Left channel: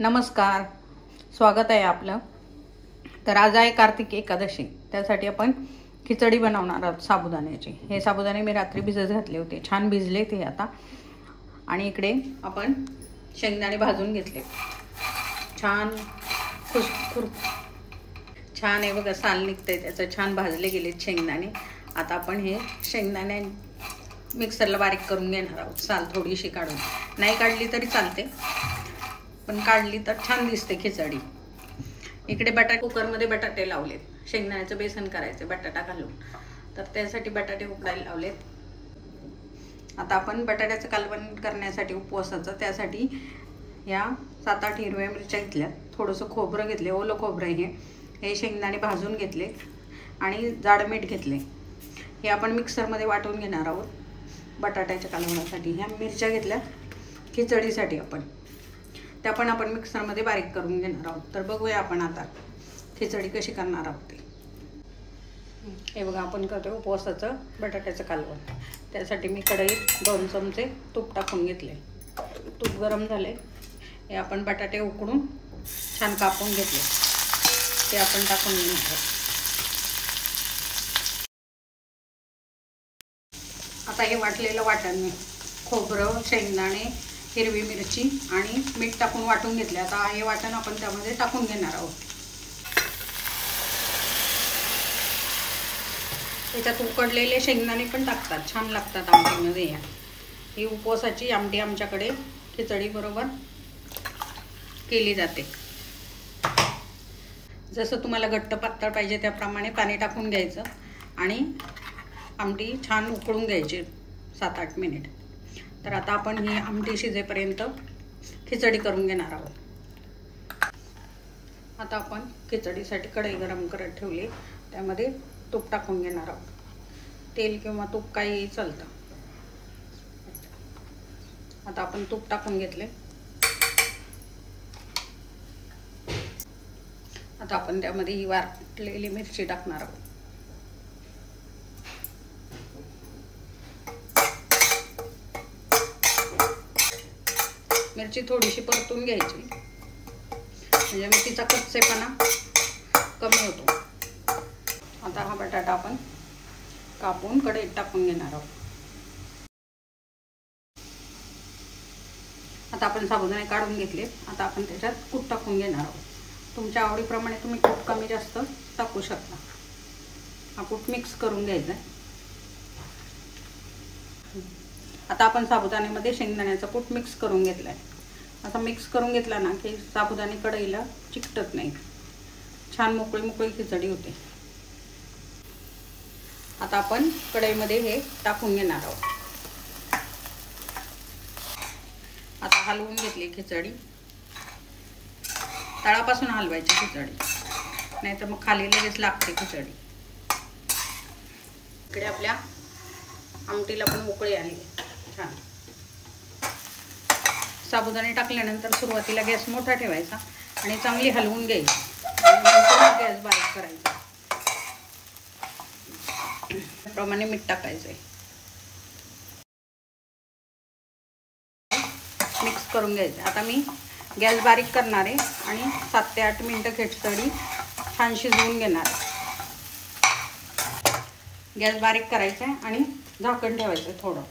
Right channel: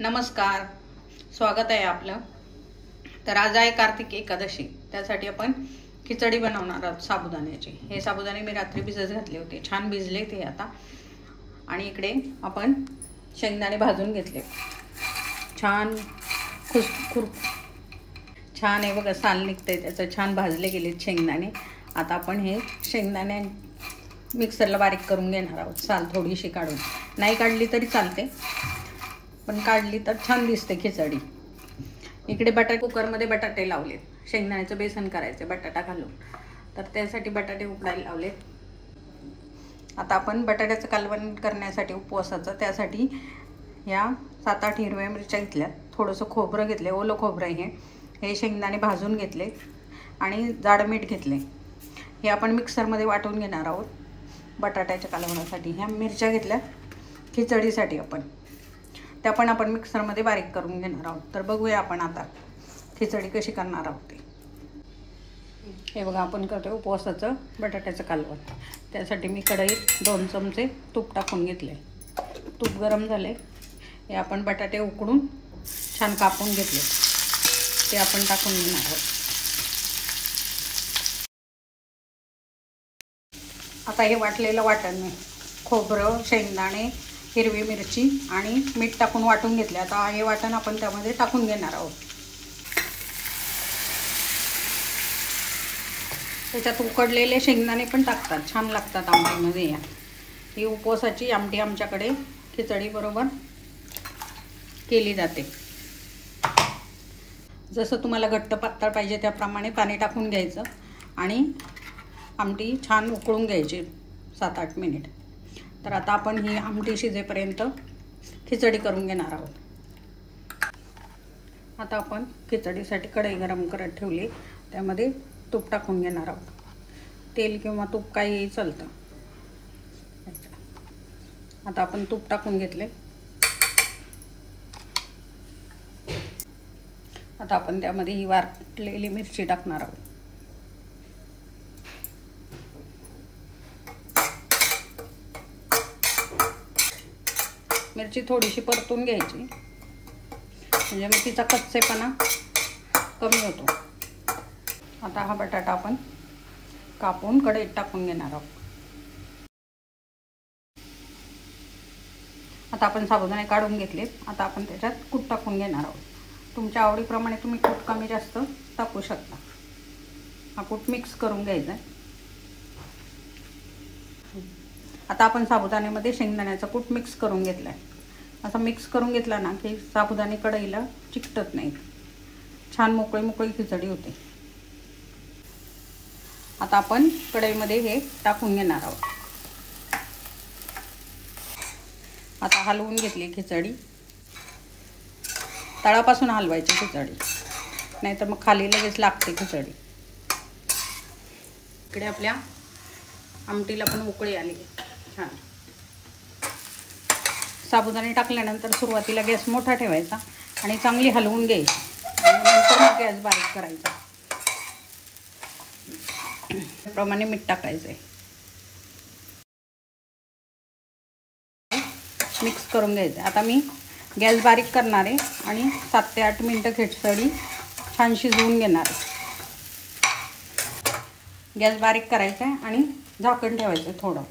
नमस्कार, स्वागत आहे आपलं। तर आज आहे कार्तिक एकादशी, त्यासाठी आपण खिचडी बनवणार आहोत साबुदाण्याची। हे साबुदाणे मी रात्री भिजत घातले होते, छान भिजले ते आता। आणि इकडे आपण शेंगदाणे भाजून घेतले, छान छान आहे बघा, साल निघते त्याचं, छान भाजले गेले शेंगदाणे। आता आपण हे शेंगदाणे मिक्सरला बारीक करून घेणार आहोत, साल थोडीशी काढून, नाही काढली तरी चालते पण काढली तर छान दिसते खिचडी। इकडे कुकरमध्ये बटाटे लावले, शेंगदाण्याचं बेसन करायचं बटाटा घालून, तर त्यासाठी बटाटे उकडायला लावलेत। आता आपण बटाट्याचं कालवण करण्यासाठी उपवासाचं, त्यासाठी या 7-8 हिरव्या मिरच्या घेतल्या, थोडंसं खोबरं घेतले, ओलं खोबरं हे शेंगदाणे भाजून घेतले आणि जाड मीठ घेतले। हे आपण मिक्सरमध्ये वाटून घेणार आहोत बटाट्याच्या कालवणासाठी। ह्या मिरच्या घेतल्या खिचडीसाठी त्या पण आपण मिक्सरमध्ये बारीक करून घेणार आहोत। तर बघूया आपण आता खिचडी कशी करणार आहोत ते। हे बघा, आपण करतो उपवासाचं बटाट्याचं कालवण। त्यासाठी मी कढईत 2 चमचे तूप टाकून घेतले, तूप गरम झाले, हे आपण बटाटे उकडून छान कापून घेतले, ते आपण टाकून घेणार आहोत। आता हे वाटलेलं वाटण, खोबरं, शेंगदाणे, हिरवी मिरची आणि मीठ टाकून वाटून घेतले। आता हे वाटण आपण त्यामध्ये टाकून घेणार आहोत। त्याच्यात उकडलेले शेंगदाणे पण टाकतात, छान लागतात आमटीमध्ये। ही उपवासाची आमटी आमच्याकडे खिचडी बरोबर केली जाते। जसं तुम्हाला घट्ट पातळ पाहिजे त्याप्रमाणे पाणी टाकून घ्यायचं आणि आमटी छान उकळून घ्यायची 7-8 मिनिट। तर आता आपण ही आमटी शिजेपर्यंत खिचडी करून घेणार आहोत। आता आपण खिचडीसाठी कढई गरम करत ठेवली, त्यामध्ये तूप टाकून घेणार आहोत, तेल किंवा तूप काहीही चालतं। आता आपण तूप टाकून घेतले, आता आपण त्यामध्ये ही वाटलेली मिरची टाकणार आहोत। मिरची थोडीशी परतून घ्यायची, म्हणजे मग तिचा कच्चेपणा कमी होतो। आता हा बटाटा आपण कापून कढईत टाकून घेणार आहोत। आता आपण साबुदाणे काढून घेतलेत, आता आपण त्याच्यात कूट टाकून घेणार आहोत। तुमच्या आवडीप्रमाणे तुम्ही कूट कमी जास्त टाकू शकता। हा कूट मिक्स करून घ्यायचा। आता आपण साबुदाण्यामध्ये शेंगदाण्याचा कूट मिक्स करून घेतलाय। असा मिक्स करून घेतला ना की साबुदाणे कढईला चिकटत नाही, छान मोकळी मोकळी खिचडी होते। आता आपण कढईमध्ये हे टाकून घेणार आहोत। आता हलवून घेतली खिचडी, तळापासून हलवायची खिचडी, नाहीतर मग खाली लगेच लागते खिचडी। इकडे आपल्या आमटीला पण उकळी आली छान। साबुदाणे टाकल्यानंतर सुरुवातीला गॅस मोठा ठेवायचा आणि चांगली हलवून घ्यायची, गॅस बारीक करायचा। त्याप्रमाणे मीठ टाकायचंय, मिक्स करून घ्यायचं। आता मी गॅस बारीक करणार आहे आणि 7 ते 8 मिनिटं खिचडी छान शिजवून घेणार आहे। गॅस बारीक करायचा आहे आणि झाकण ठेवायचं, थोडं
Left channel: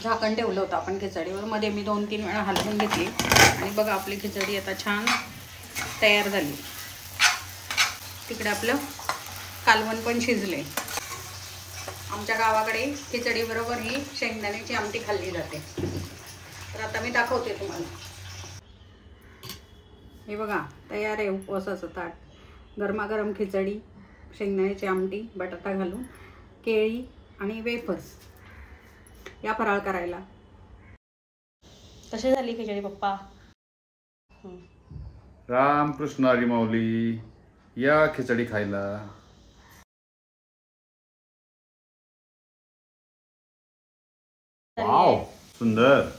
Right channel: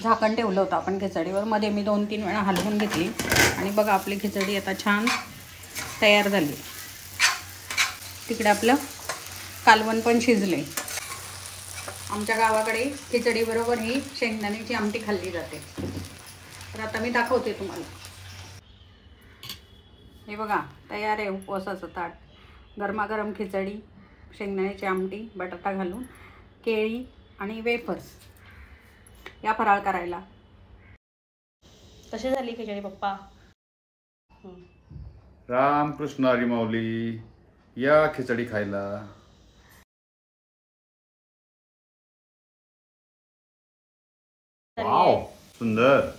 झाकण ठेवलं होतं आपण खिचडीवर, मध्ये मी 2-3 वेळा हलवून घेतली आणि बघा आपली खिचडी आता छान तयार झाली। तिकडे आपलं कालवण पण शिजले। आमच्या गावाकडे खिचडी बरोबर ही शेंगदाण्याची आमटी खाल्ली जाते। तर आता मी दाखवते तुम्हाला। हे बघा, तयार आहे उपवासाचं ताट, गरमागरम खिचडी, शेंगदाण्याची आमटी, बटाटा घालून, केळी आणि वेफर्स। या फराळ करायला। कशी झाली खिचडी पप्पा? रामकृष्ण हरी माऊली, या खिचडी खायला। वाव, सुंदर।